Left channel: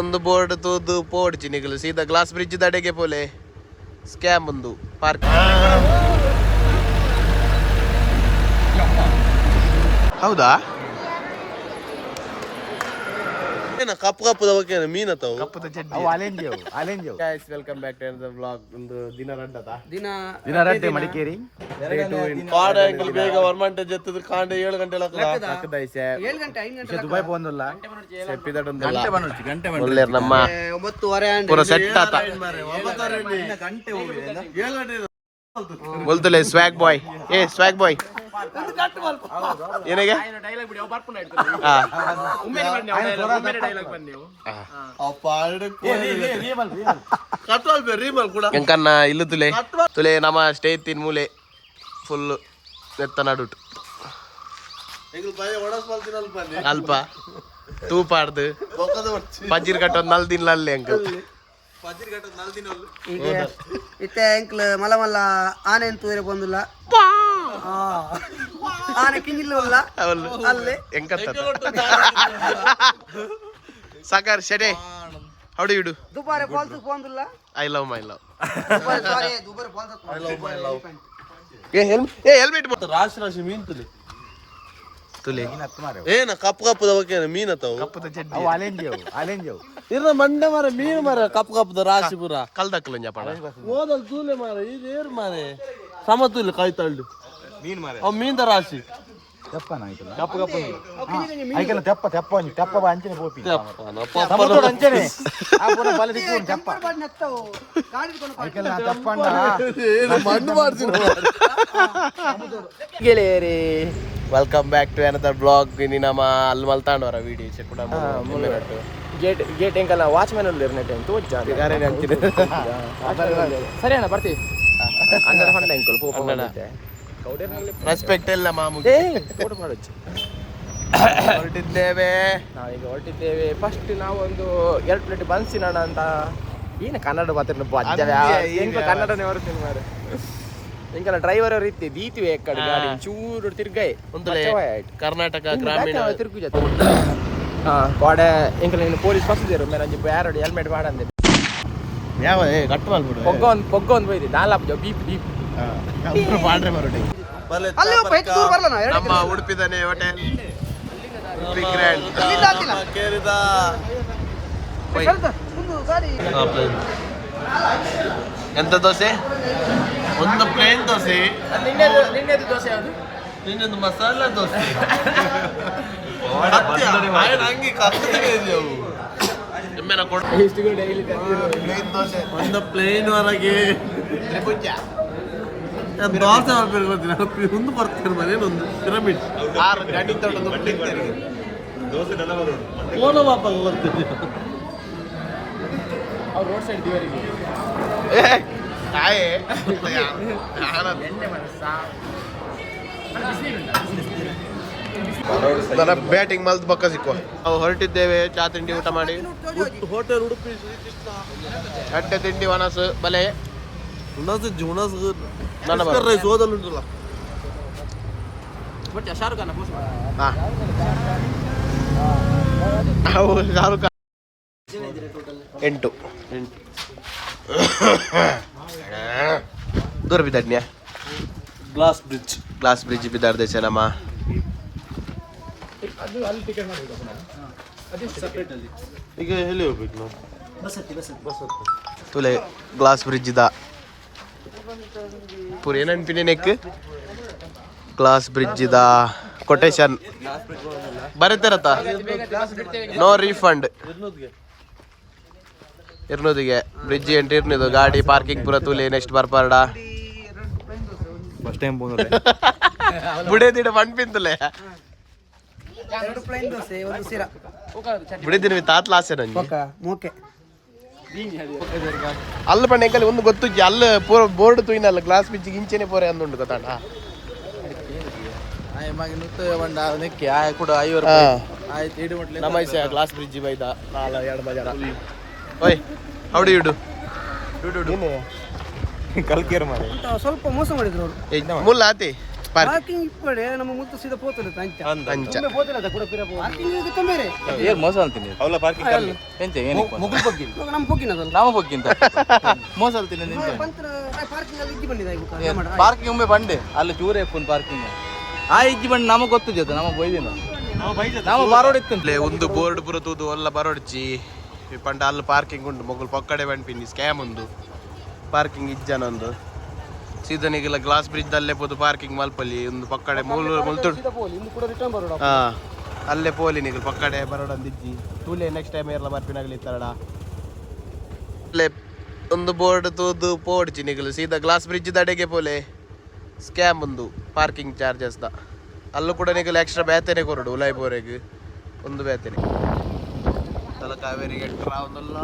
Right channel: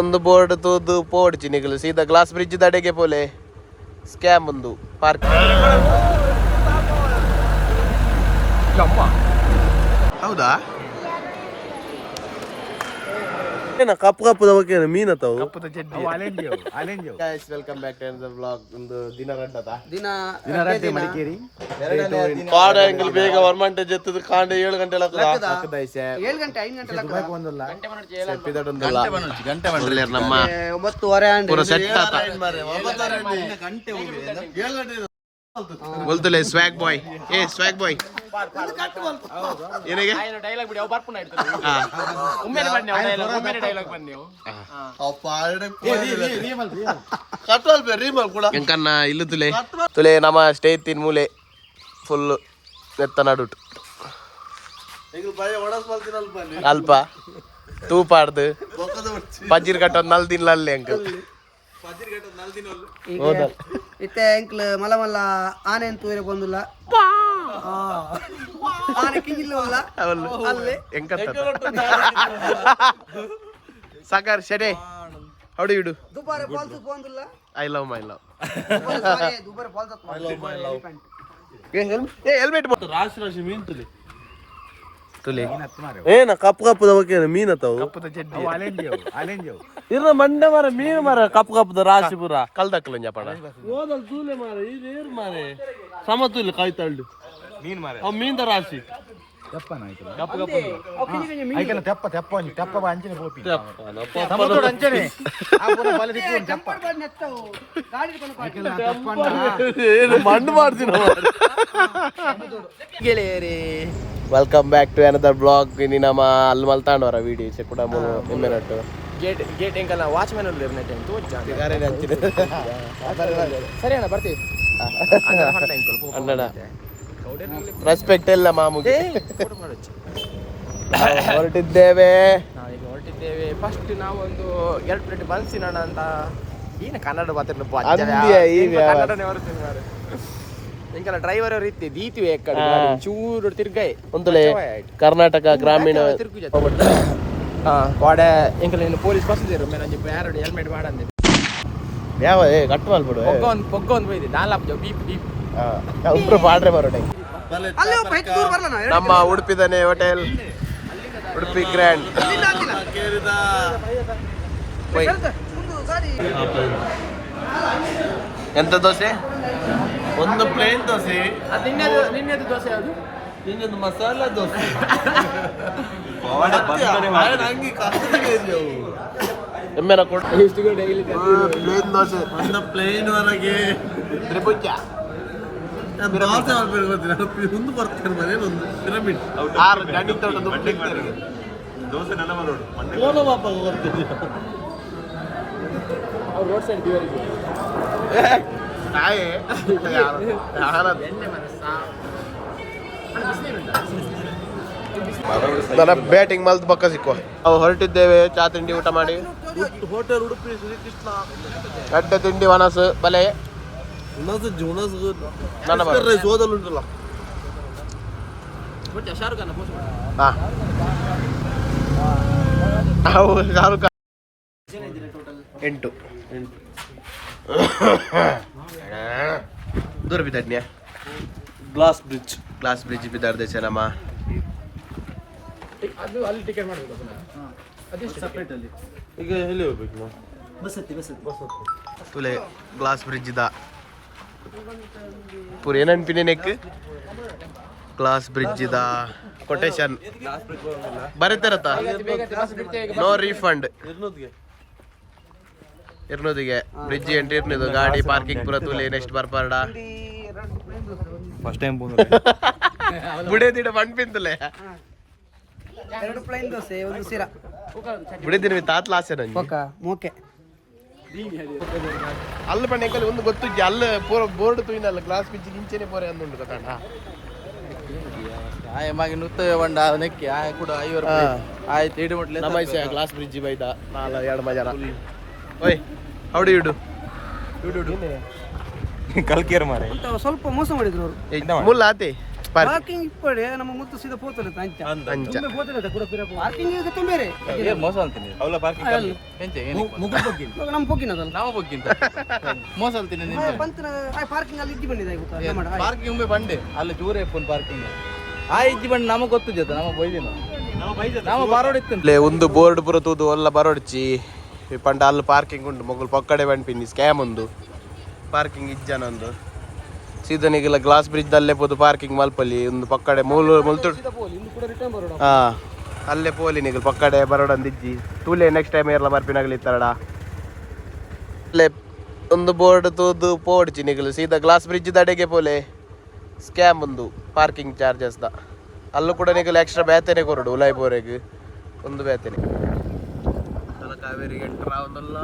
ಒಂದು ಬೋರ್ಡ್ ತೂದು ಪೋಡ್ಚಿ ನಿಗಲು ಸೀದಾ ಗ್ಲಾಸ್ ಬ್ರಿಡ್ಜ್ ದಡೆಗೆ ಪೋಲೆ ಸ್ಕ್ಯಾಮ್ ಒಂದು ಪಾರ್ಕ್. ಹೌದಾ ಕಪ್ಪು ಕಪ್ಪದ ಬಗ್ಗೆ ಮೀನ್ ಅತಾವು ಕಪ್ಪದ ಚಡ್ಡಿ. Guys welcome back to the vlog. ಒಂದು ದಿನ ರಡ್ಡದ ದಿನ ಮಡಿಕೇರಿ ಕಾಡ ಆಂಗಲ್ ಬೇಗ ವರ್ಮಂಟೆ ಜೆತ್ತದ ಕಾಂಡೆ 7 ಗಂಟೆ ಲಕ್ಕದ ಐಸೆ 7 ಗಂಟೆ 5 ಗಂಟೆ ದುಬೈ ಬಂದಲ್ಲ ಸೆಪ್ಪಿದಡೊಂದಲ್ಲ ಗಂಟೆ ಒಳ್ಳೆ ನಮ್ಮ 9:30 ಪೂರ ಸೆಟ್ ಆತ ಗಂಟೆ ಹೋಗಿ 7 ಗಂಟೆ बोलतले स्वैग बॉय ए स्वैग बॉय ಏನೇಗೆ ಡೈಲಾಗ್ ಬಿಡಿ ಅವ ಬರ್ಪುನ ಇಡ್ತಾರೆ ಒಮ್ಮೆ ಬನ್ನಿ ಒಮ್ಮೆ ಡೈಲಾಗ್ ಬನ್ನಿ ಅಪ್ಪ ರೀಮಲ್ ಕಟ್ವಲ್ ಬೆ ರೀಮಲ್ ಕೂಡ ಎಂಕನ್ನ ಇಲ್ಲು ತುಲೆ ನಮ್ಮ ಸ್ಟೇ ತಿನ್ ಮೂಲೆ ಫುಲ್ ನೆತ್ತ ನಡುಟ್ ಎಂಗು ಬಾಯ ಒಡಸ್ ಬಲ್ತಿನಲ್ ಬನ್ನಿ ಅಲ್ಪ ತೂಪಾಡ್ದು ಪಜ್ಜಿರ್ ಕಟ್ಟ 4 ದಿನ ಅಲ್ಲಿ ಅಂಕಲ್ ಇತ್ತೆ ಎಂಕ್ಲು ಮಲ್ಲ ಮಲ್ಲ ಆನೆ ತೂರೆ ಬಂದಿಲ್ಲ ಆನೆ ಕಿಂಜಿಲ್ಲ ಅಲ್ಲೇ ಎಂಕತ್ತ ಸಾಕರ್ ಶೆಡೆ how do you do Dubare falls ಬಂದಿಲ್ಲ I love my love Dubare falls I love my love ಏ ಹೆಲ್ಮೆಟ್ ಮತ್ತೆ ರಾಶಿ ಮೀನ್ ತುಲೆ ಏನ ಕಪ್ಪು ಕಪ್ಪದ ಬಗ್ಗೆ ಮೀನ್ ಅತಾವು ಕಪ್ಪದ ಚಡ್ಡಿ ಇರ ಮಂಡೆ ಮಾರ ಮೀನು ಮಾರ ಕಪ್ಪು ಕಪ್ಪದ ರಾಶಿ ಪೂರ ಕಲ್ದಕ್ಕಲ ಪಣ ಓದಲ್ ತೂಲೆ ಮಾರ ಇದು ಏರ್ ಮಾರೆ ಸಮತೂಲೆ ಕಾಯ್ತಾಳ್ದು ಮೀನ್ ಮಾರ ಅವ್ ಮೀನ್ ದ ರಾಶಿ ಕಪ್ಪು ಕಪ್ಪು ಕಪ್ಪ ಅಂಚನೆ ಬೋಪಿ ಅಂಚನೆ ಮಂಡು ಮಾಡ್ತೀನಿ ಗೆಳೆಯರೇ welcome back to another blog. ಇನ್ನು ನಮ್ಮ ಅಲ್ಲಿ ಮಲ್ತಾಂಡವರ ವೀಡಿಯೋಸ್ ಕೂಡ ಮುಂದೆ ಗೇಟ್ ಗೇಟ್ ಎಂಕಲ್ಲ ವಾಚ್ಮ್ಯಾನ್ ಅಲ್ಲಿ ಇರ್ನೆಟ್ ಅಂತ ತೋಜ್ ಸರಿ ಅಣ್ಣ ಬರ್ತೀವಿ ರೆಸ್ಪೆಕ್ಟ್ ಎಲ್ಲ ಮಾಮೂಲಿ ಹೊರಟಿದ್ದೇವೆ ನಾವೀಗ ಹೊರಟಿದ್ದೇವೆ. ಫಸ್ಟ್ ನಾವೊಂದು 2 ಪ್ಲೇಟ್ ಬನ್ಸಿನಣ್ಣ ಅಂತ ಏನು ಕನ್ನಡ ಮಾತಾಡ ಕನ್ನಡನೇ ಹೊರತೀನಿ ಮಾರು ಇಂಕಲ್ಲ ಡ್ರೈವರ್ ಅವ್ರು ಇತ್ತೆ ದೀತಿವೆ ಕಡೆ ಚೂರು ತಿರ್ಗಾಯ್ ಒಂದು ಕರ್ನಾಟಕ ಗ್ರಾಮೀಣ ತಿರುಗು ಕೋಡೆ ಇಂಕಲ್ಲ ಇನ್ನು ಪೊಲೀಸ್ ಬಸ್ಸಿದೇರು ಮೇಲೆ ಯಾರು ಹೆಲ್ಮೆಟ್ ಮಾಡಂದೆ ಯಾವ ಕಟ್ಟು ಮಾಡ್ಬಿಡು ಪೊಗ್ಗ ಒಂದು ಬೈದೆ ನಾಲ್ಕು ಬೀಪ್ ಬೀಪ್ ಬಾಡ್ರೆ ಬರೋದು ನಮ್ಮ ಉಡುಪಿದನೆ ಹೋಟೆಲ್ ಉಡುಪಿ ಗ್ರ್ಯಾಂಡ್ ಎಂತ ದೋಸೆ ಒಂದು ಪ್ಲೇನ್ ದೋಸೆ ನಿನ್ನೆದು ದೋಸೆ ಯಾವುದು ನಿನ್ನೊಂದು ಮಸಾಲಾ ದೋಸೆ ಹಂಗೆ ಎಮ್ಮೆನ ಪ್ಲೇನ್ ದೋಸೆ ಒಂದು ಪ್ಲೇನ್ ಹೊರಗೆ ತ್ರಿಭುಜ ದೋಸೆ ಮಾಡ್ಬೇಕು ಒಂದು ಬರ್ತಾರೆ ಮನೇನೊಂದು ಪಿರಮಿಡ್ 6 ಗಂಡಿ ತೊಗೊಂಡು ದೋಸೆ ನನ್ನ ಫೋನೋ ಪಾಪ ಬರ್ತೀನಿ ಅವ್ರು ರೋಡ್ ಸೈಡ್ ದಿವರಿಗೆ ನನ್ನ ಬ್ಯಾಟಿಂಗ್ ಮಲ್ತ್ ಪಕ್ಕ ಸಿಕ್ಕುವ ನಾವು ಹೊರಟಿದ್ದೇವೆ. ಚಾ ತಿಂಡಿ ಊಟ ಮಾಡಿ ಹೋಟೆಲ್ ಉಡುಪಿ ಗಡ್ಡೆ ತಿಂಡಿ ವನಸು ಬಲೆ ಓದಲ್ಲುಂಟಲ್ಲ ಶಾರುಖ್ ಖಾನ್ 8 ದೂರ ಬಿದ್ದಾಡ್ನ್ಯಾ ಗ್ಲಾಸ್ ಬ್ರಿಡ್ಜ್ ಬಿದ್ದಾಡ್ದೇಶ ನಮ್ಮ ಈಗ ಎಲ್ಲಿ ಹೋಗ್ಬೇಕು ತುಲೆ ಗ್ಲಾಸ್ ಬ್ರಿಡ್ಜ್ ಇದ ಪೂರ ಏನನ್ಪಿನೇ ನೆಕ್ ಗ್ಲಾಸ್ ಬ್ರಿಡ್ಜ್ ಇದ ಕೊಟೇಶನ್ ಬರೀತಾರತ್ತ ನೋ ರೀಫಂಡ್ ಇರ್ನೂದಿಗೆ ಬ್ರಿಡ್ಜ್ ಎಂಟ್ರಿ ಇರ್ನಿದು ಗಾಡಿ ಪಾರ್ಕಿಂಗ್ ಪೂರ ತೂಲೆ ನೆಕ್ಸ್ಟ್ ಬರ್ಪಾರ್ಡ ಫಸ್ಟ್ ಟೈಮ್ ಬುಡೇದಿಡ ಮಣ್ ಪಿಂತಲೆ 2 ಪ್ಲೇನ್ ದೋಸೆ ಒಂದು ಸಿರಾ ಬುಡೇದಿನ ತಾತ್ಲ ಆಸೆ ನಂಗೆ ಮೂಕೆ ಅಲ್ಲ ಪಣ್ಣ ಎಂಕಲ್ಲಿ ಒಂದು ಗೊತ್ತುಜ್ಜಿ ಅಲ್ಲ ಪೂರ ಬೋರ್ಡ್ ತೂಯಿನಲ್ಲ ಗ್ಲಾಸ್ ಬ್ರಿಡ್ಜಿಗೆ ಇಂಚೆನೆ ಪೋರೆ ಅಂದುಂಡು ಗೊತ್ತಾಂಡ ಗ್ಲಾಸ್ ಬ್ರಿಡ್ಜ್ ಬೈದ 2 ಮಜಾರ ಓಯ್ ಹೌ ಡು ಯು ಡು ಸ್ವಲ್ಪ ಮೋಸ ಮಾಡಿದ್ರು ಅವರು ಮುಲ್ಲ ಆತೆ ಪಾರ್ಕಿಂಗ್ ಇಪ್ಪಡೆ ನಮ್ಮ ಮುತ್ತು ಸೀದಾ ಪೋತಲೆ ಅಂಚ ಅಂಚ ಪಾರ್ಕಿಂಗ್ ಈಗ ತೊಂಬೇರೆ ಮೋಸ ಅಂತೀನಿ ಅವಳ ಪಾರ್ಕಿಂಗ್ ಎಂತೆ ಮುಗುಲ್ ಬಗ್ಗಿನ ನಮ್ಮ ಪೊಕ್ಕಿನದಲ್ಲ ನಾಮ ಬಗ್ಗಿಂತ ಮೋಸ ಅಂತೀನಿ ನಿಂತೆ ಪಾರ್ಕಿಂಗ್ ಅಲ್ಲಿ ಇಜ್ಜಿ ಬಂದಿದೆ ಪಾರ್ಕಿಂಗ್ ಒಮ್ಮೆ ಬಂಡೆ ಅಲ್ಲಿ ಚೂರೇ ಫೋನ್ ಪಾರ್ಕಿಂಗ್ ಆ ಇಜ್ಜಿ ಬಂದು ನಮಗೆ ಗೊತ್ತು ಜೊತೆ ನಮಗೆ ಬೈದಿಲ್ಲ ನಾವು ಬಾರೋಡಿತ್ತು ಒಂದು ಬೋರ್ಡ್ ಪುರ ತೂದು ಒಲ್ಲ ಬರೋಡ್ಚಿ ಪಂಡ ಅಲ್ಲಿ ಪಾರ್ಕಿಂಗ್ ಉಂಟು ಮೊಗಲ್ ಪಕ್ಕಡೆ ಬಂಡ್ಪಿನಿ ಸ್ಕ್ಯಾಮ್ ಒಂದು ಪಾರ್ಕಿಂಗ್ ಇಜ್ಜನೊಂದು ಸೀದನಿಗೆಲ್ಲ ಗ್ಲಾಸ್ ಬ್ರಿಡ್ಜ್ ಅಲ್ಲೇ ಪೋದು ಪಾರ್ಕಿಂಗ್ ಮಲ್ಪಲ್ಲಿ ಒಂದು ಪಕ್ಕಡೆ ಮುಲ್ತು ಹಾ ಅಲ್ಲೇ ಪೋಲಿ ನಿಗಲ್ ಪಕ್ಕಡೆ ಬರೋಡಂದಿಜ್ಜಿ ತೂಲೆ ನೆಕ್ಸ್ಟ್ ಟೈಮ್ ಎಲ್ಲ ಬರ್ಪಿನಾಗಲಿ ಇತ್ತಾರಡ ಅಲ್ಲೇ ಒಂದು ಬೋರ್ಡ್ ತೂದು ಪೋಡ್ಚಿ ನಿಗಲು ಸೀದಾ ಗ್ಲಾಸ್ ಬ್ರಿಡ್ಜ್ ದಡೆಗೆ ಪೋಲೆ ಸ್ಕ್ಯಾಮ್ ಒಂದು ಪಾರ್ಕಿಂಗ್ ಚಾರ್ಜಸ್ ದ ಅಲ್ಲೂ ಕೂಡ ನಿಗಲು ಎಕ್ಸ್ಟ್ರಾ ಬೇತೇನೆ ಕೊರಡು ಉಲಾಯ್ಪೋರೆಗೆ ಒಂದು ಬೇತೇನೆ ತಲಕಾವೇರಿ ಎಂಟ್ರ ಒಂದಲ್ಲ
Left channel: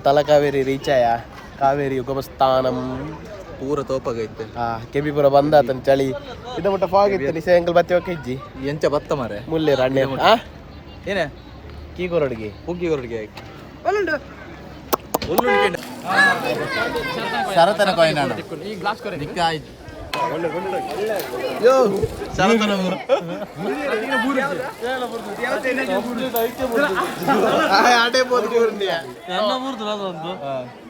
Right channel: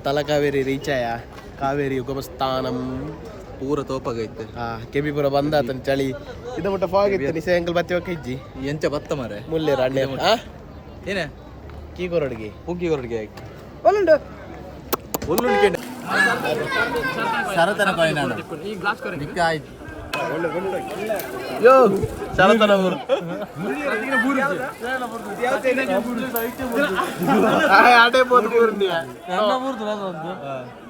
ತಲಕಾವೇರಿ ರೀಚ್ ಆಯ ಕಾವೇರಿ ಉಗಮಸ್ಥಾನಂ ಪೂರ ತೋಪಾಗೈತೆ ಕೆಬಿ ಪುರ ಬಂದಾತನ ಚಳಿ ಇದ ಮುಟ್ಟ ಫಾಗ್ ಇತ್ತು ನಿಸೆ ಅಂಕಲ್ ಬತ್ತಿ ಇಜ್ಜಿ ಎಂಚ ಬತ್ತ ಮಾರೆ ಮುಲ್ಲೆ ರಾಣಿ ಏನೇ ಕೀ ಕೊರಡಿಗೆ ಪುಗ್ಗಿ ಹೊರಡಿಗೆ ಆಯ್ತು ಶರತನ ಕಾಯಿನಾಣ ನಿಕ್ಕ ಆಯ್ತು ಯೋ ಶರತನ ಆಟೇ ಬೋದು ಬೂರ್ನಿಯ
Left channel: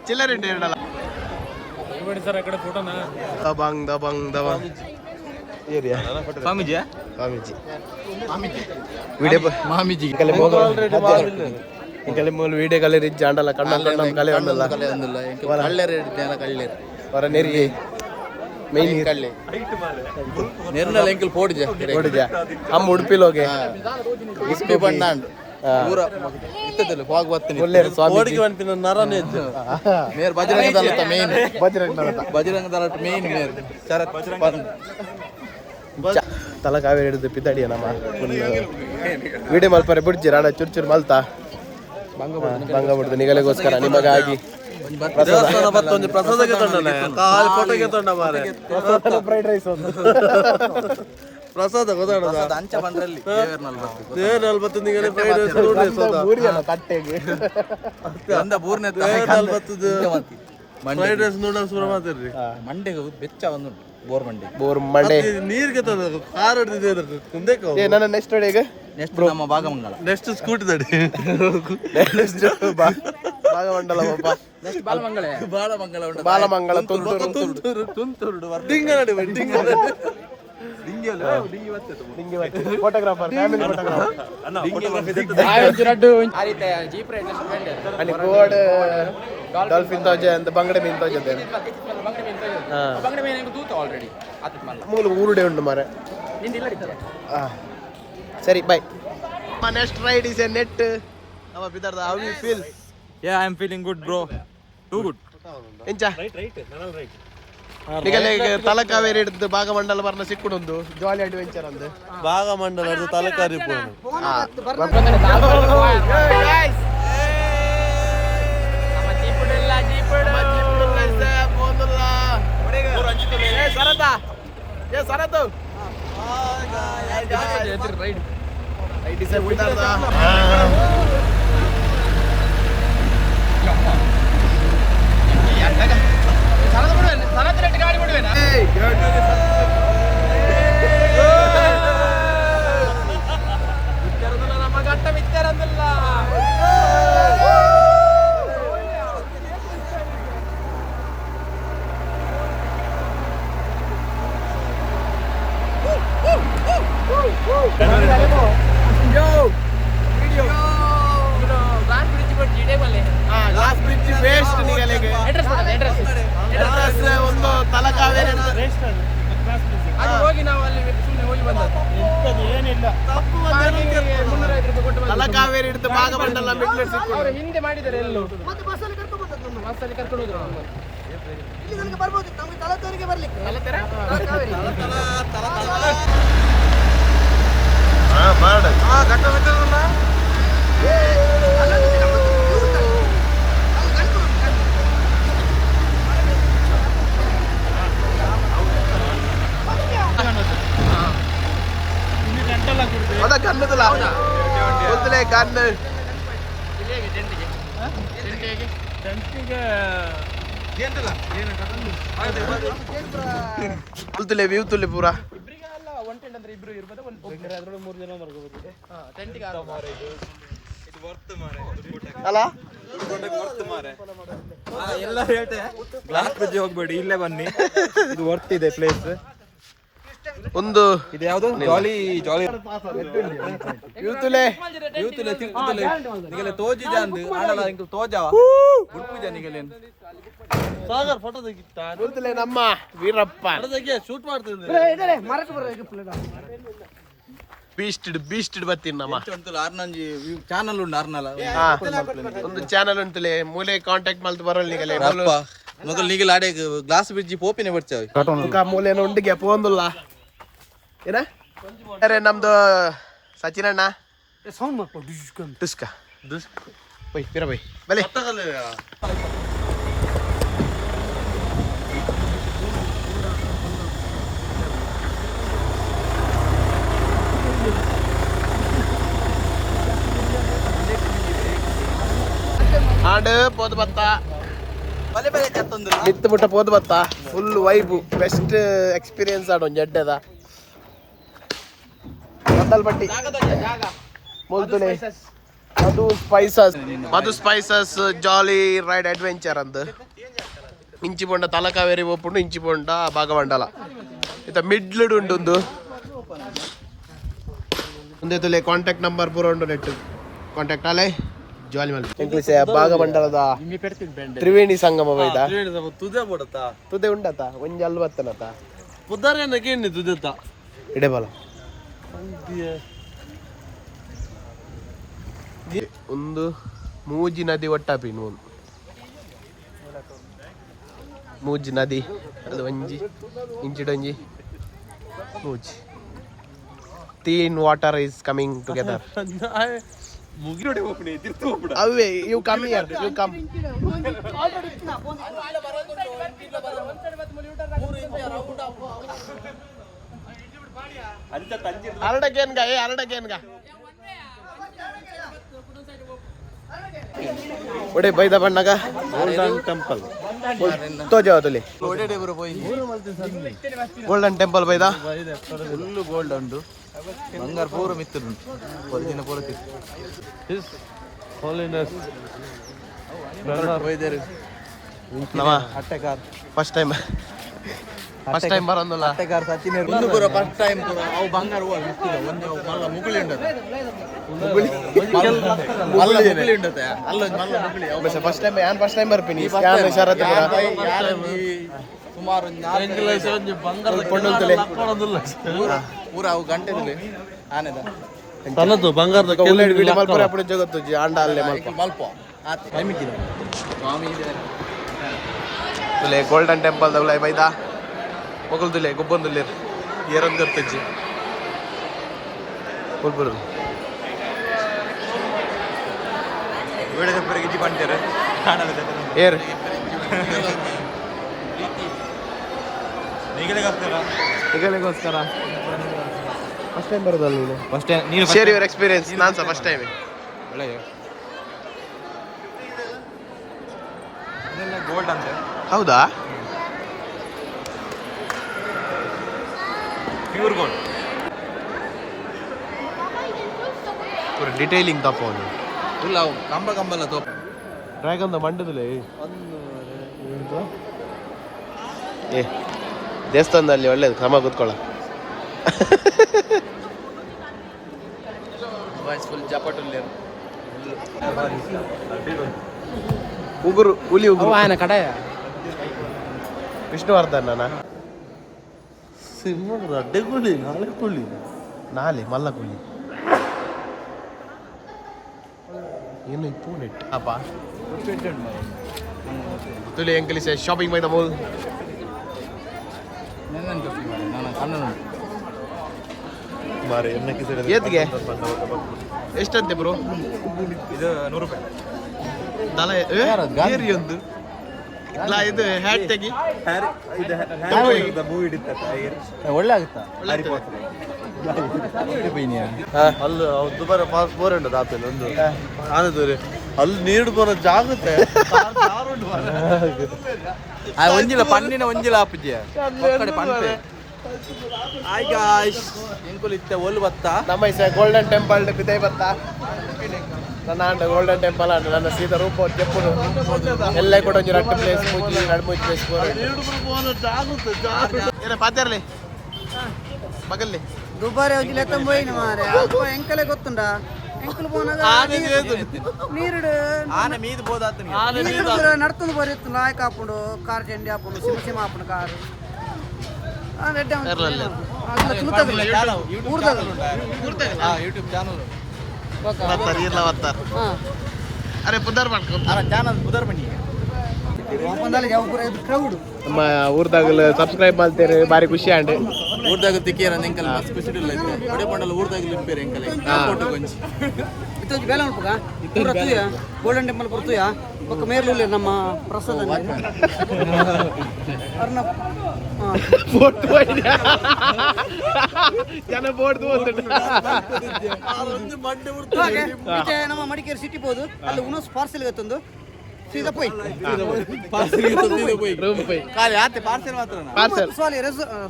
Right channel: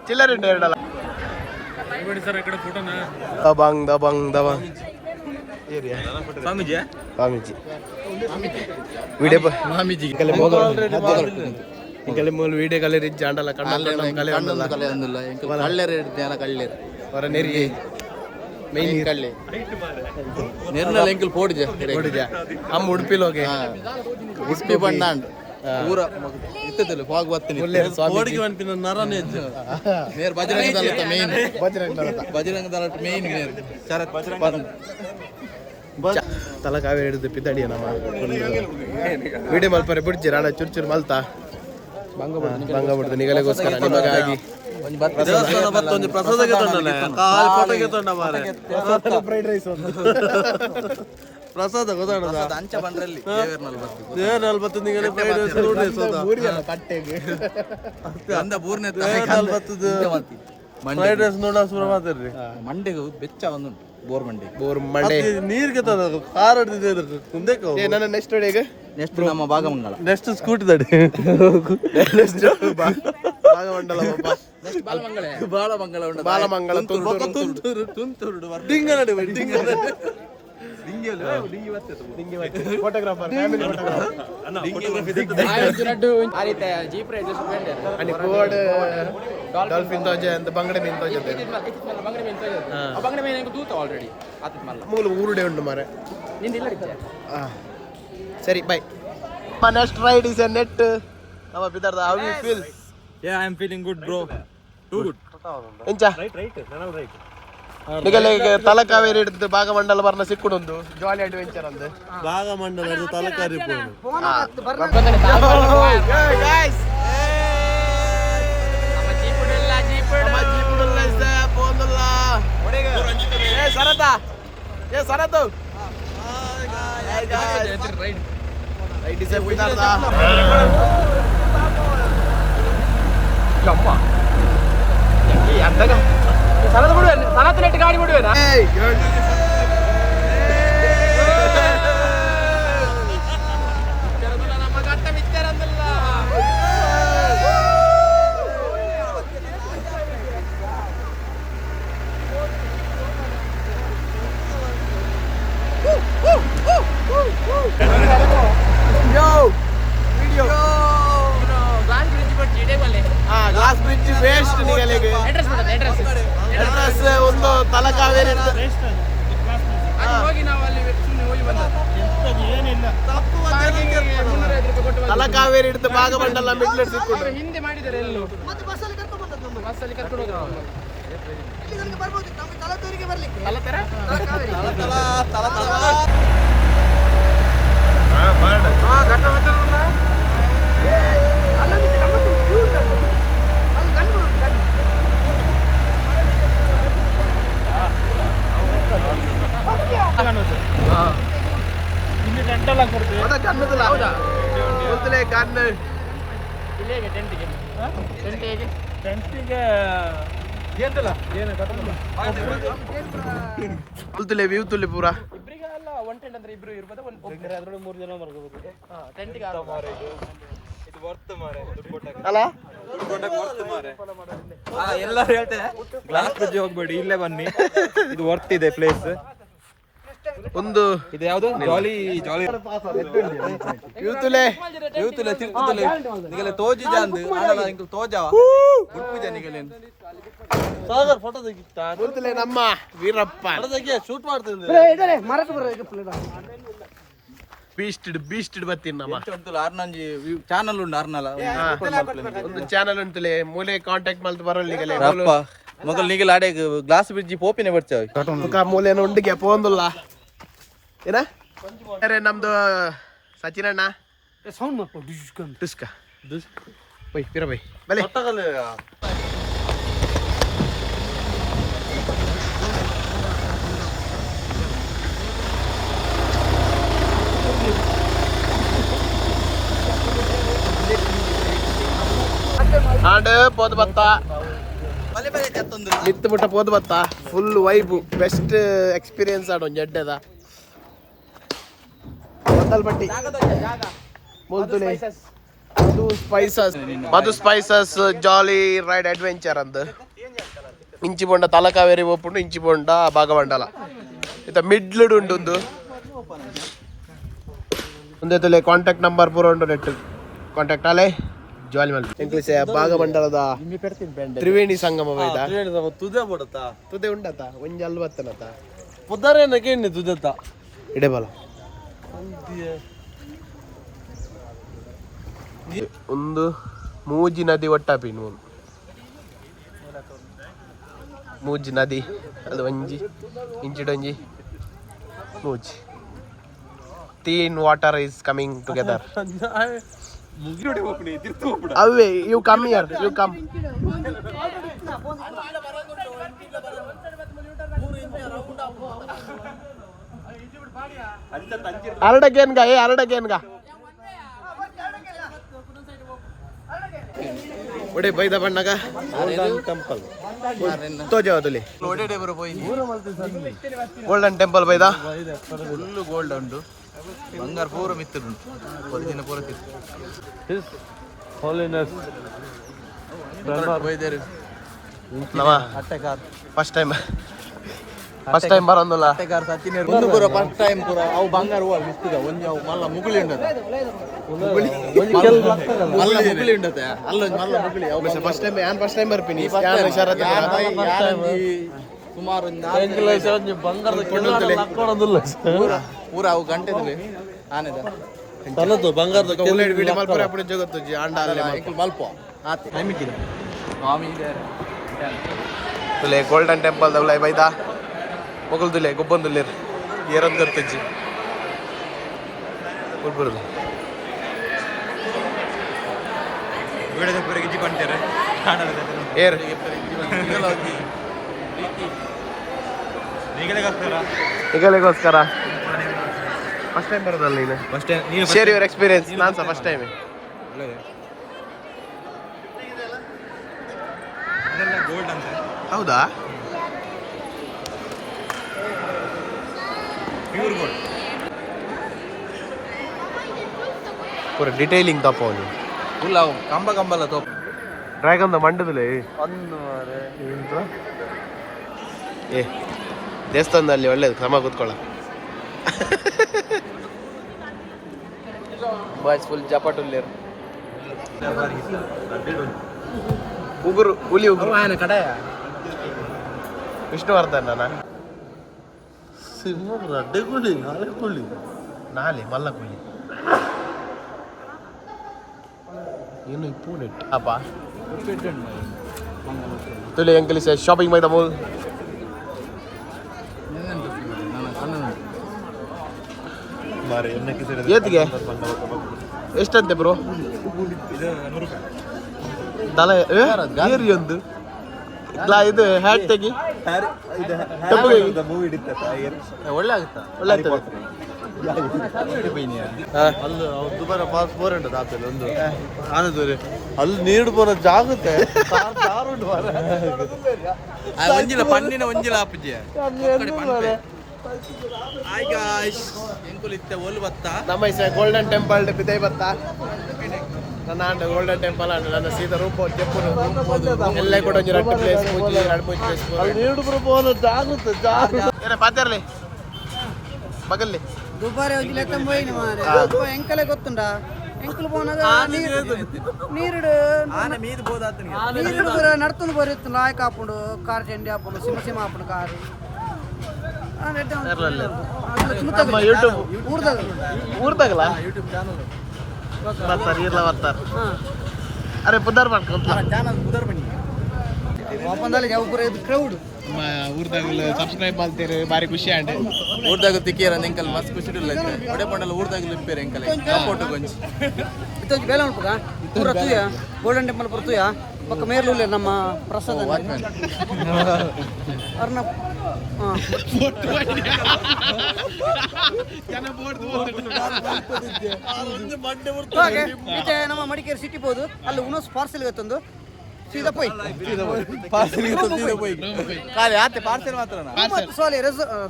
ಚಿಲ್ಲರ್ ಉಂಟು ಎರಡಲ್ಲ ದಬಂಗ್ ದಬಂಗ್ ದಬಂಗ್ ಏರಿಯಾ ಸ್ವಾಮೀಜಿ ಸ್ವಾಮೀಜಿ ವಿಡಿಯೋ ಸ್ವಾಮೀಜಿ ಇಂಕಲೆ ಮೂಲ ವಿಡಿಯೋ ಕಲೆ ರಿಚ್ ಆಂಡಲ್ಲ ಕಣ್ಣ ಕಲೆ ಒಂದಲ್ಲ ಕಳ್ಳೇರು ಇಡ್ತೇನೆ ಕಳ್ಳೇರು ಹೊರ ನೆರಿ ಮೈನ್ ಕಳ್ಳೆ ನೆರ್ನಲ್ಲ ಎಂಕಲ್ ಪೋಡಿಜ ಅಮ್ಮ ಉಡುಪಿಲೋಗೆ ಉಡುಪಿ ಬಣ್ಣ ಪೂರ ಇತ್ತದಲ್ಲ ಫಾಗ್ ಬರ್ತೀನಿ ಕೋಡಿಗೆ ಬಂಪಿನ ನರನೇ ಮೇರ್ ಬಜರಂಗ ದಳತ ಮೇನ್ ಬಜರಂಗ ದಳತ ಮೇನ್ ಮೇರ್ ತಲಕಾವೇರಿ ಹಿಡಿದು ಪಿದ್ದಾಡಿಯ ನಮ್ಮ ವಿಡಿಯೋ ಮಲ್ಪರೆ ಬಿಡ್ಜಿ ರಾಣ ಚೂರು ಚೂರು ಮಲ್ತಾ ಭಂಗ ಬಿಡ್ದು ನಿಗಲೆಗೋಸ್ಕರ ನಿಮಗಾಗಿ ಪ್ರಸಾದಕ್ಕೆ ತೊಂಡನೆ ಫೋಟೋಗೆ ತೊಂಡ ಮಾರೆ ಫ್ರೈಡ್ ರೈಸ್ ಒಂದು ಪ್ರಸಾದ ಗೊತ್ತಾಡ ಅಂಚ ಬಂದ್ರಲ್ಲಿ ದೇವರಲ್ಲಿ ಬತ್ತು ನಿಗಲೆ ಫ್ರೈಡ್ ರೈಸ್ ಕಟ್ಟೆಗೆ ಅಂದ ಬೂರ್ನೆ ಫ್ರೈಡ್ ರೈಸ್ ನೋಡ ಶುರು ಮಾತಾಡ್ರಿ ಮಂಡೆಗೆ ಬೆಚ್ಚ ಒಂದು ಬೋರ್ ಮಂಡೆ ನೀರಿಗೆ ಕಾರ್ ಹಿಡಿದಿದ್ದಾರೆ ನನ್ನ ನೆಕ್ಸ್ಟ್ ಈಗ ನೆಕ್ಸ್ಟ್ ನಮ್ಮ ಭಾಗಮಂಗಲ ನೆಕ್ಸ್ಟ್ ಸ್ಕೂಟಿ ತಡಿ ಭಾಗಮಂಡಲ ಬಾಲಮಂಗಲ ತುಂತೂರು ಫೋಟೋಗ್ರಾಫರ್ ಫ್ಯಾಮಿಲಿ आणि गोड डॉल्फिन तोजे ಅಂತ ಬಂಗಡೆ ಮೀನು ತೋಜೆ ಅಂತ ಬಂಗಡೆ ಮೀನು ತೂತ ಆಲ್ರೆಡಿ ಮೂಲ ಊರುಡೆ ಉಂಟು ಮಾರೆ ಸರಿ by my next ride is a net ನಮ್ಮ ಬಿದರ್ದ how you feel yeah I am feeling good bro too good ಎಂಚ ನಿಗಲೆ ತಲಕಾವೇರಿ ಹಿಡಿದು ಭಾಗಮಂಡಲ ಬರ್ನ ಸಿಕ್ಕುಡೊಂದು ಜಾಲಿ ಅಡ್ವೆಂಚರ್ ಅಂದು ಭಾಗಮಂಡಲ ಹಿಡಿದು ತಲಕಾರಿ ಗಾಡಿ ಬಿಡುವೇನಾ ನಮ್ಮ ಗಂಟ ಮಿತ್ತರಂದಲ್ಲ ಗ್ಲಾಸ್ ಬ್ರಿಡ್ಜ್ ವೇಸ್ಟ್ ನಿಗಲೆಗೆ ಅಡ್ರೆಸ್ ಒಂದು ತಲಕಾವೇರಿ ಹೋಗಿ ನಾವು ಅಲ್ಲಿ ಸುಮ್ಮನೆ ಹೋಗಿ ತಲಕಾವೇರಿ ಹಿಡಿದು ಭಾಗಮಂಡಲ ಮಿಡ್ಲೆಟ್ ಸಿಕ್ಕೊಂಡು ಹಿಂದೆ ಮಾಡಿದ್ದಾರೆ ಎಲ್ಲೂ ಬಸ್ಸಲ್ಲಿ ಕರ್ಕೊಂಡು ಹೋದ್ರು ಕಣ್ಣುದಿಲ್ಲ ಹೌದಾ ಗೊತ್ತಿಲ್ಲ ಕಣ್ಣು ಟೆಂಟಿಗೆ ತುಲೆ ವ್ಯೂ ತುಲೆ ಪೂರ ಅಲ್ಲ ಎಲ್ಲರೂ ಹೇಳ್ತೇವೆ ಗ್ಲಾಸ್ ಬ್ರಿಡ್ಜ್ ಹೋಗ್ಬೇಡಿ, ಇಲ್ಲೇ ಬನ್ನಿ, ಇದು ವರ್ತ್ ಇದೆ ಪ್ಲೇಸ್. ಒಂದು ಇದು ಯಾವುದು ಜಾಲಿ ಜಾಲಿ ಯೂತುಲೆ ಯೂತುಲೆ ತಿರುಪುತುಲೆ ನಿಗಲೆ ತೋಜು ಜಾಂದು ಆಡಲ ಇಂಕ ತೋಜಾವ ಗುಡ್ಪುಜ ನಿಗಲೇನು ಸಾಗರ್ ಫೋಟೋ ತೆಗಿತಾ ಯೂತುಲೆ ನಮ್ಮ ವೀರಪ್ಪ ಫೋಟೋ ತೆಗಿ ಶೂಟ್ ಮಾಡ್ತಿದ್ದೆ ಬೀಸ್ಟೆಡ್ ಬರ್ತೀನಿ ನಮ್ಮ ಆರ್ನಂಜಿ ಚಾನಲ್ ಉಂಡು ಆರ್ನಲ ಒಂದು ಚಾನಲ್ ಉಂಟುಲೆ ಮೂಲೆ ಕಾಂಟ್ಯಾಕ್ಟ್ ಮಲ್ತು ಬರೋಲ್ ನಿಗಲೆ ಮೊದಲು ನಿಗಲ ಆಡೆ ಗ್ಲಾಸ್ ಬ್ರಿಡ್ಜ್ ಪೋಪಿನೇ ಬರ್ತಾವೆ ಮೂಲೆನ ಉಂಡಿಗೆ ಪೋಂದುಲ್ಲ ಏನ ಅರೆ ನಮ್ದು ಸಚಿನ್ ಅಣ್ಣ ಸೌಂಡ್ ಮಾಡ್ಕೊ ದುಸ್ಕ ಬೈ ಪಿರ ಬೈ ಬಲೆ ಆಡು ಪೋದು ಬತ್ತ ಮಿತ್ತು ಮುಟ್ಟ ಪೋದು ಬತ್ತ ಫುಲ್ ವೈಬು ಬೆಸ್ಟ್ ಎಕ್ಸ್ಪೀರಿಯನ್ಸ್ ಆಡು ಒಂದು ಜಡ್ಡದ ಮಂದಲ್ ಬಟ್ಟಿ ಮುಲ್ತುಲೆ ಮಧು ಸ್ಪೈಸಸ್ ಜಾಲಿ ರೈಡ್ ಅಡ್ವೆಂಚರ್ ಅಂದ್ ಇಂಚಿ ಬೊಂಡ ತಲಕಾವೇರಿ ಒಪ್ಪುಂಡು ಇಂಚಿ ಬೊಂಡ ಭಾಗಮಂಡಲ ಇತ್ತ ಮಿಡ್ಲುಡ್ ಉಂಡು ಒಂದೇ ತುಲೆ ಕಾಂಟ್ಯಾಕ್ಟ್ ನಂಬರ್ ಪೂರ ಉಂಡು ನೆಟ್ ಕಾಂಟ್ಯಾಕ್ಟ್ ಆಲೆ ಜಾಲಿ ಮಲ್ ಇಂಗ್ಲಿಷ್ ಭಾಗಮಂಡಲದ ತ್ರಿವೇಣಿ ಸಂಗಮ ಬೈದ ತುದೆ ಉಂಡತ ಒಂಜಿ ಅಲ್ಲಿ ಬತ್ತನತ ಪುದರೇನಕ್ಕೆ ತುದತ್ತ ಇಡೆಬಲ ಒಂದು ಮೂಜಿ ನದಿ ಒಟ್ಟಾಪಿನ ಒಂದು ಮೂಜಿ ನದಿ ಅದು ಒಂಜಿ ಇಂಚಿಡೊಂಜಿ ಮೂಜಿ ತೀನ್ ವಾಟರ್ ಈಸ್ ಕಮಿಂಗ್ ಟುಗೆದರ್ ಅವೇ you come here you come ಅರಡಗೇನ್ಗ ಒಡೆ ಬೈದ ಬಣ್ಣಗ ತೋಜಾವ ತುಲಿ ಗೋಲ್ಡನ್ ಟೆಂಪಲ್ ಬೈದ ಫುಲ್ ಗೋಲ್ಡ್ ಉಂಟು ಬಂಗಾರ ಪೂರ ಮಿತ್ತುಂಟು ಹೊರಗಿನ ಪೂರ ಫಸ್ಟ್ ಟೈಮ್ ಬರೋದಿಲ್ಲ ಒಂದು ಪೂರ ಫಸ್ಟ್ ಟೈಮ್ ಪೂರ ಅವು ಬಂಗಾರ ಹೂವು ಮಿತ್ತಿದ ಒಂದು ಅವು ಮಲ್ಲ ಮುಗುಳಿ ಉಂಟದ ಮುಗುಳಿ ಉಂಟತೆ ಅಲ್ಲ ಮಲ್ಲ ಮುಗುಳಿ ಫಸ್ಟ್ ಟೈಮ್ ಬರ್ತೀನಿ ಸುಮಾರು ಪೂರ ಅವು ಗಂಟೆ ಆನೆದ ಬಂಗಾರದ ಉಲ್ಲೇಡ್ ವಿಡಿಯೋ ಮಲ್ಪರೆ ಅప్పుడు ಜಗತ್ತು ಆಂಡ ಅಲ್ಲೇ ಮಲ್ಪ ಟೈಮ್ ಇದ್ದಿಲ್ಲ ತುಲೆ ಗೋಲ್ಡನ್ ಟೆಂಪಲ್ ದವ್ಲೈ ಬೈದ Mughal ತುಲೆ ಗೊಬ್ಬಂದುಲ್ಲೆ Aaron ಗರ್ತಜ್ಜಿ ಬುರ್ಬುರು ಗಿಜ್ಜಿ ಬಂತಾರೆ air ಈಗಲಿಗೋಸ್ಕರ first time ಬರೋದಲ್ಲ ನೀನು ಶೇರ್ ಯುವರ್ ಎಕ್ಸ್ಪೀರಿಯನ್ಸ್ ನಾನು ಸಹ ಫಸ್ಟ್ ಟೈಮ್ ಹೌದಾ ಪ್ಯೂರ್ ಗೋಲ್ಡ್ ಪೂರ ಡಿಟೇಲಿಂಗ್ ತಪ್ಪ ಅವನು ಇಲ್ಲ ಕಂಬಲ್ಲ ತೋಪ ಡ್ರ್ಯಾಗನ್ ಮಂಡದಲ್ಲಿ ಏ ದೇವಸ್ಥಾನದಲ್ಲಿ ಒಳ್ಳೇದು ಕ್ರಮ ಕೂತ್ಕೊಳ್ಳ ಬಾಯ್ಸ್ ಫುಲ್ ಜಪಾಟುಲ್ಲಿ ಉಗುರು ಹುಲಿ ಉಗುರು ఆయన కడ ವಿಷ್ಣುವರ್ಧನ್ ಸಿಂಹ ರಡ್ಡೆ ಕೂಲಿ ನಾಳೆ ಕೂಲಿ ನಾಲೆ ಮಲ್ಲ ಕೂಲಿ ಏನು ಪೂನೆಟ್ ಅಪ್ಪ ತುಲಿ ಅಂಕಲಿ ಸೇ ಶಾಪಿಂಗ್ ಬೈ ದ ಮೂಲ್ ಏತ್ಗೆ ಎಷ್ಟಂತೆ ಬ್ರೋ ಇದು 100 ರೂಪಾಯಿ ತಲೆ ಏರಿ ಒಂದು ಇದು ಹ್ಯಾಟ್ ತೆಗಿ ಒಳ್ಳೆ ಆಗುತ್ತಾ ಒಳ್ಳೆ ಆಗ್ತದೆ ಅಲ್ಲಿ ದುಬಾರಿ ಪಾಸ್ ಬೋರ್ ಉಂಟು ಆಪಲ್ ಒಂದು ಆನದೂರಿ ಅಲ್ಲಿ ನೀರು ಬರೋ ಜಾಗತ್ತ ಒಂಜಿಲ ಪನ್ನಿನ ಒಂಜಿಲ ಆಪುಜಿ ಒಕ್ಕಡೆ ಪಂತೆ ಹಾಯ್ ಗಾಯ್ಸ್ ಎಂಕುಲು ಇತ್ತೆ ಒಲು ಬತ್ತ ನಮ್ಮ ಇಸ ಗೋಲ್ಡನ್ ಟೆಂಪಲ್ ಬಿದೈ ಬತ್ತ ನನ್ನ ಅಂಡ ಗೋಲ್ಡನ್ ಟೆಂಪಲ್ ಅಂಡ ನನ್ನ ಸೀದಾ ರೂಪ ಚೆಪ್ಪುನು ಎಲ್ಲ ಕೂಡ ಒಂಜಿ ರಟ್ಟು ಪ್ಲೇಸ್ ಮೂಜಿ ಎರಡು ಮೂಜಿ ಪ್ಲೇಸ್ ನೀರು ಬರೋ ಜಾಗತ್ತ ಏನ ಪಾತಿರ್ಲಿ ಮಗಲ್ಲಿ ದುಬಾರಿ ಹೋಗಿ ಲೆಕ್ಕ పోయిన ಮಾರೆ ಎಂಕಲೆ ಗೊತ್ತುಂಡ ಎಂಕಲ್ పోనಗ ನೀರುಡು ಆನೆ ಮೀದು ಬೋದಾತ ನೀರುಡು ನಡ್ತುಂದು ಬರಿತ್ತು ಲಾಯಕ್ ಆಪುಂಡು ಕಾರ್ ಚಂಡಿ ಆಪುಂಡು ಸಿಮ ಸಿಮ ಆಪುಂಡು ಕಾರು ಊರ್ದಾಗಲ್ಲ ಯೂಟ್ಯೂಬ್ ಚಾನಲ್ ಬರ್ತಾರೆ ಇಲ್ಲ ಬರ್ತಾರೆ ಅರೆ ಪುದರ್ ಮಾಡ್ಕೊಂತ ಚಾನಲ್ ಬುಧರ್ ಬನ್ನಿ ಕ್ರೌಡ್ ನಮ್ಮ ಊರ್ದಾಗಲು ಸಬ್ಸ್ಕ್ರೈಬ್ ಮಾಡ್ತೀರಿ ಬಾರಿ ಖುಷಿ ಆಂಡ್ ಊರ್ದಾಗ ತಿಕ್ಕಿರ ಎಂಕಲ್ ಮಸ್ತ್ ಖುಷಿ ಇಲ್ಲ ಒಡೆ ಪಂಡಲ ಊರ್ದಾಗ ಲಿಂಪೇರ ಎಂಕಲ್ ಫೋಟೋ ಕೊಂಚ ಇತ್ತೊಂದು ಬೇಲೆ ಉಂಟುಗ ಪೂರ ತುಯ ಗೋಲ್ಡನ್ ಟೆಂಪಲ್ ಪೂರ ತುಯ ಪಕ್ಕ ಮೇರ್ಲೂಲೆ ನಮ್ಮ ಪ್ರಸಾದ ಅರ್ನ ನಮ್ಮ ಮಡಿಕೇರಿ ಸಿಟಿ ಹೋದು ಅಲ್ಲಿ ಉನೋಸ್ ಪಾರ್ಸೆಲ್ ಗೊತ್ತೊಂದು ಸೀದಾ ಪೋಯ್ ಖಾಲಿ ಆತೆ ಪಾರ್ಸೆಲ್ ಮಾತ್ರ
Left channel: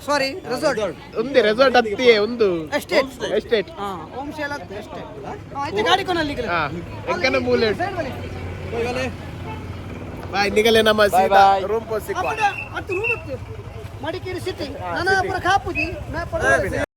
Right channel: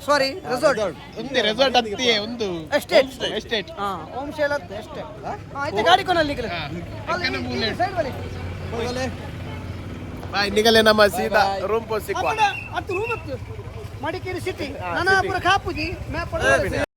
ಸಾರಿ ರೆಸಾರ್ಟ್ ఉంది ರೆಸಾರ್ಟ್ ಹತ್ತಿಯೇ ಒಂದು ಎಸ್ಟೇಟ್ ಓಂ ಶೇಲ ಎಸ್ಟೇಟ್ ಆಯ್ತು ಗಾಡಿ ಕೊನಲ್ಲಿ ಎಂಕನ ಮೂಲೆ ನಿಗಲೆ ನಮ್ಮ ಸೀದಾ ರೂಮ್ ಪೋಸ್ಟ್ ಸಿಕ್ಕುವ ಮಡಿಕೇರಿ ಸಿಟಿ ನನ್ನ ಪೂರ ಕಾಪುಜಿ ಮ್ಯಾಪ್